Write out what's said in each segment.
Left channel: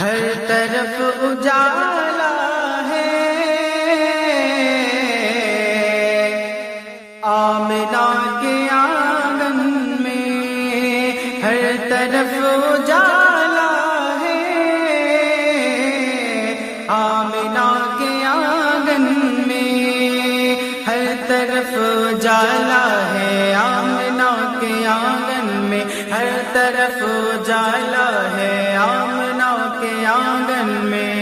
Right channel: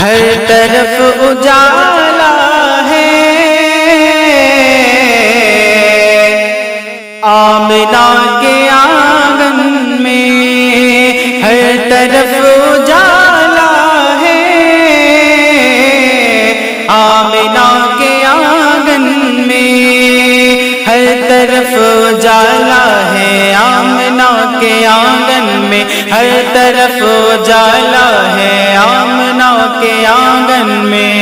ہر طرف اجالا ہے، آمنہ کے آنگن میں ہر طرف اجالا ہے، آمنہ کے آنگن میں ہر طرف اجالا ہے، آمنہ کے آنگن میں ہر طرف اجالا ہے، آمنہ کے آنگن میں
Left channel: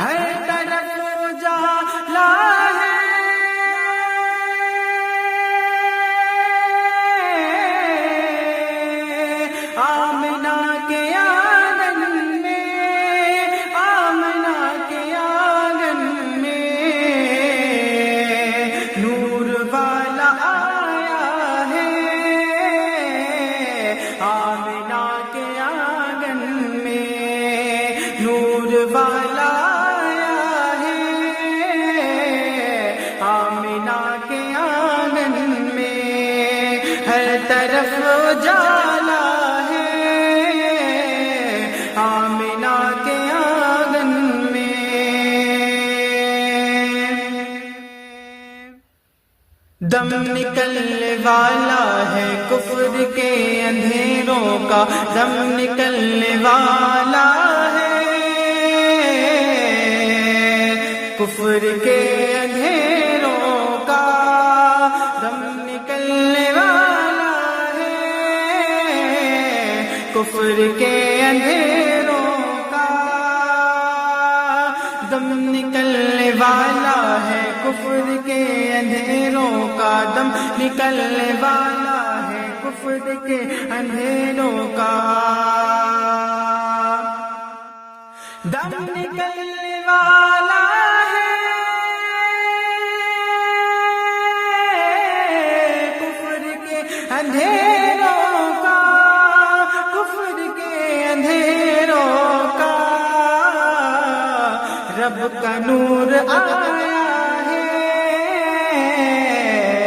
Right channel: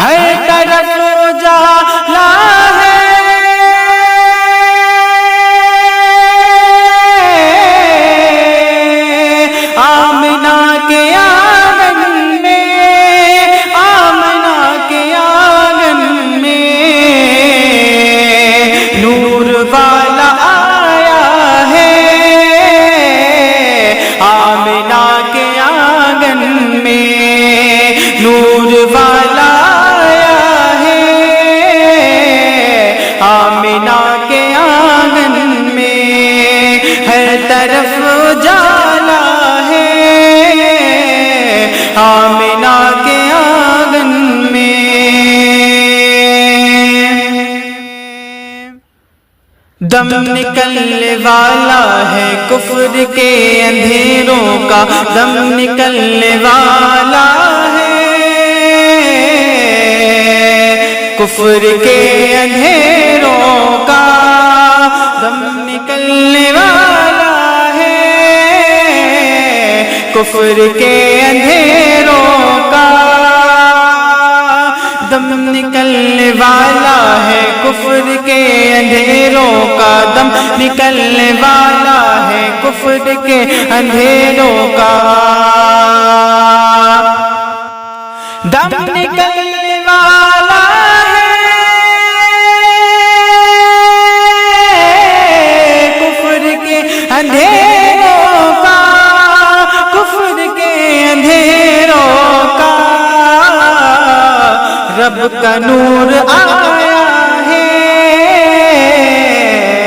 ہر طرف اجالا ہے، آمنہ کے آنگن میں، آمنہ کے آنگن میں نور والا آیا ہے، آمنہ کے آنگن میں نور والا آیا ہے، آمنہ کے آنگن میں ہر طرف اجالا ہے، آمنہ کے آنگن میں دم نکلنے والا ہے کفر کے اندھیروں کا، دم نکلنے والا ہے کفر کے اندھیروں کا، دم نکلنے والا ہے کفر کے اندھیروں کا، دم نکلنے والا ہے کفر کے اندھیروں کا، دم نکلنے والا ہے کفر کے اندھیروں کا، دم نکلنے والا ہے کفر کے اندھیروں کا، کفر کے اندھیروں کا، رب کا نور آیا ہے،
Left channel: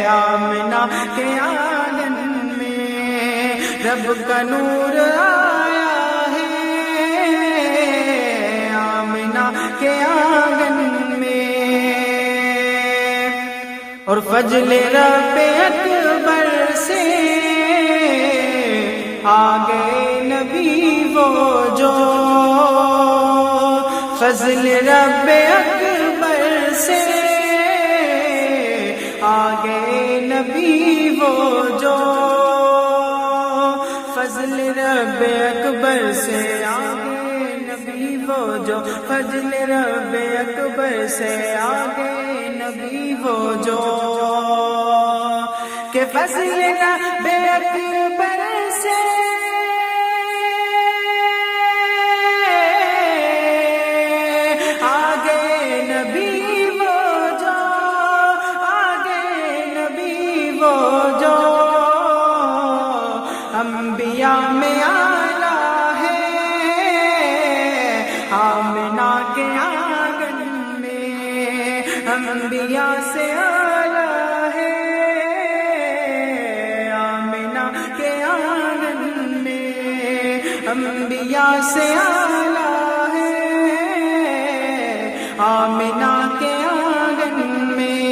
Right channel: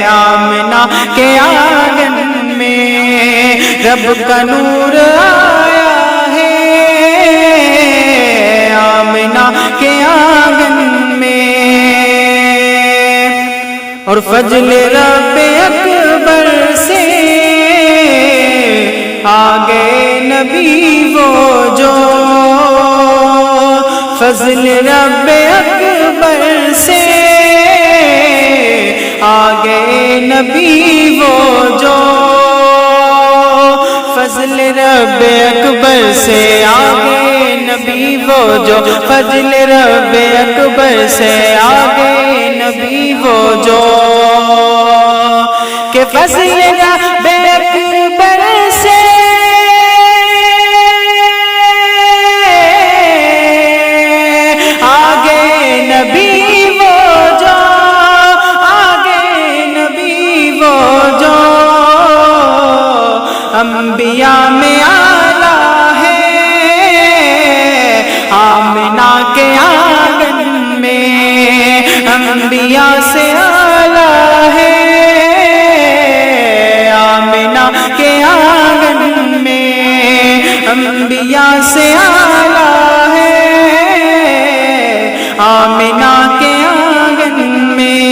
آمنہ کے آنگن میں رب کا نور آیا ہے، آمنہ کے آنگن میں اور فضل رب اکبر سے آگے نبی وہ جو، فضل رب اکبر سے آگے نبی وہ جو، فضل رب اکبر سے آگے نبی وہ جو، فضل رب اکبر سے آگے نبی وہ جو، کہ فضل رب اکبر سے آگے نبی وہ جو، آگے نبی وہ جو، انبیاء میں آلہ ہے، آمنہ کے آنگن میں انبیاء سے آلہ ہے، آمنہ کے آنگن میں انبیاء سے آلہ ہے، آمنہ کے آنگن میں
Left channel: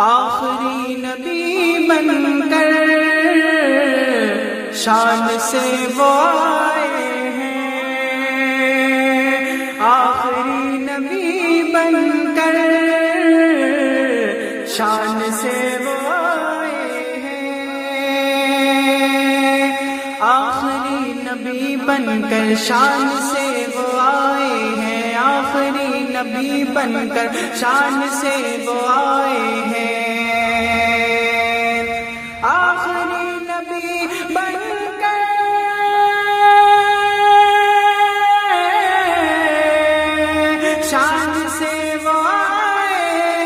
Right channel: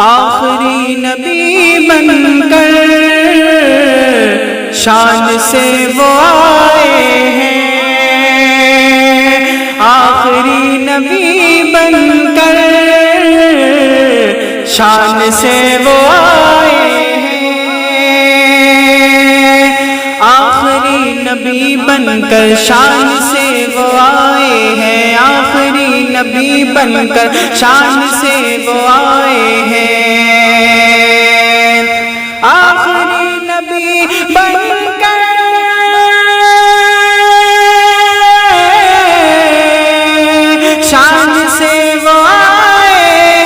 آخری نبی بن کر شان سے وہ آئے ہیں، آخری نبی بن کر شان سے وہ آئے ہیں، آخری نبی بن کر شان سے وہ آئے ہیں، آخری نبی بن کر شان سے وہ آئے ہیں، آخری نبی بن کر شان سے وہ آئے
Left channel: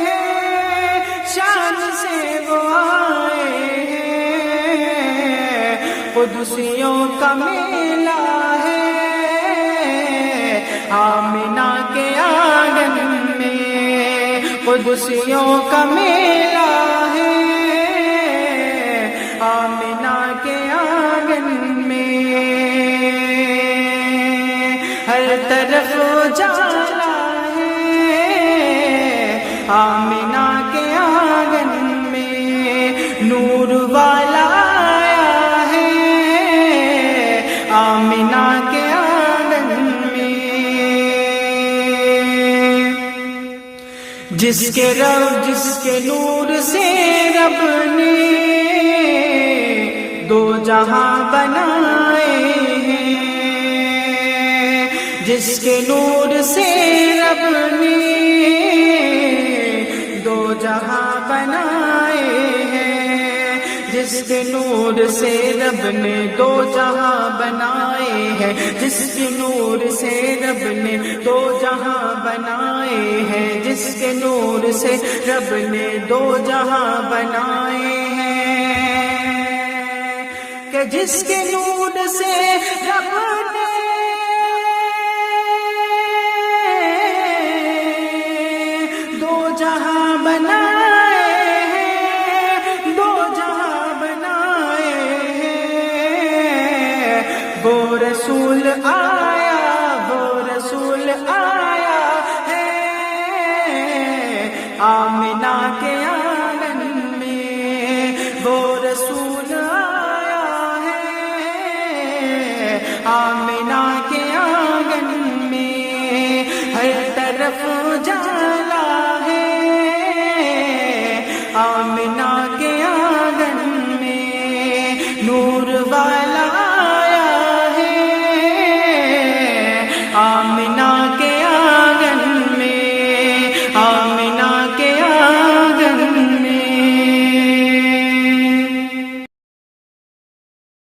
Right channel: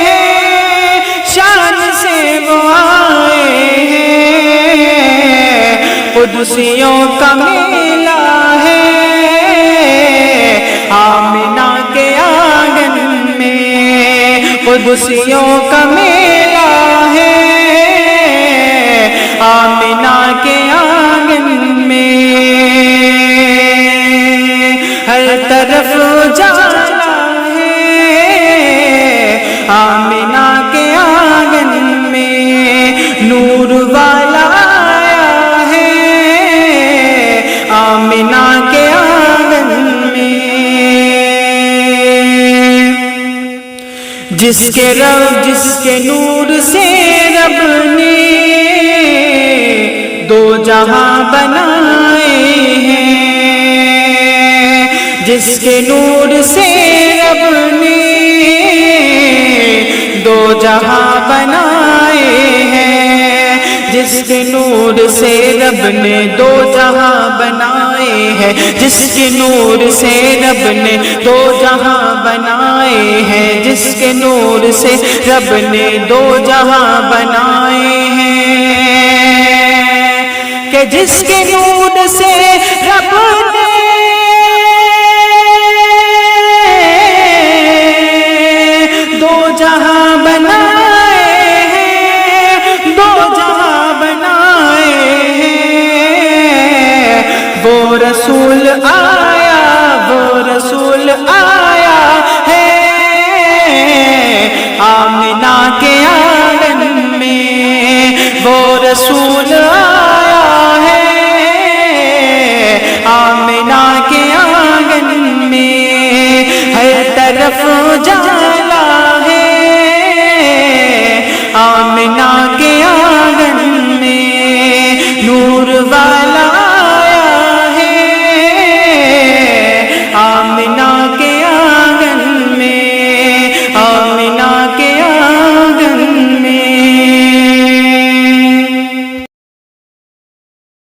ہیں، شان سے وہ آئے ہیں، قدسیوں کا میلہ ہے، آمنہ کے آنگن میں قدسیوں کا میلہ ہے، آمنہ کے آنگن طرف اجالا ہے آمنہ کے آنگن میں نور والا آیا ہے آمنہ کے آنگن میں جس کے نور سے رب نے دو جہاں بنائے ہیں جس کے نور سے رب نے دو جہاں بنائے ہیں جس کے نور سے رب نے دو جہاں بنائے ہیں جس کے نور سے رب نے دو جہاں بنائے ہیں جس کے نور سے رب نے دو جہاں بنائے ہیں کہ جس کے نور سے رب نے دو جہاں بنائے ہیں دو جہاں بنائے ہیں وہ رسول آیا ہے آمنہ کے آنگن میں وہ رسول آیا ہے آمنہ کے آنگن میں ہر طرف اجالا ہے آمنہ کے آنگن میں نور والا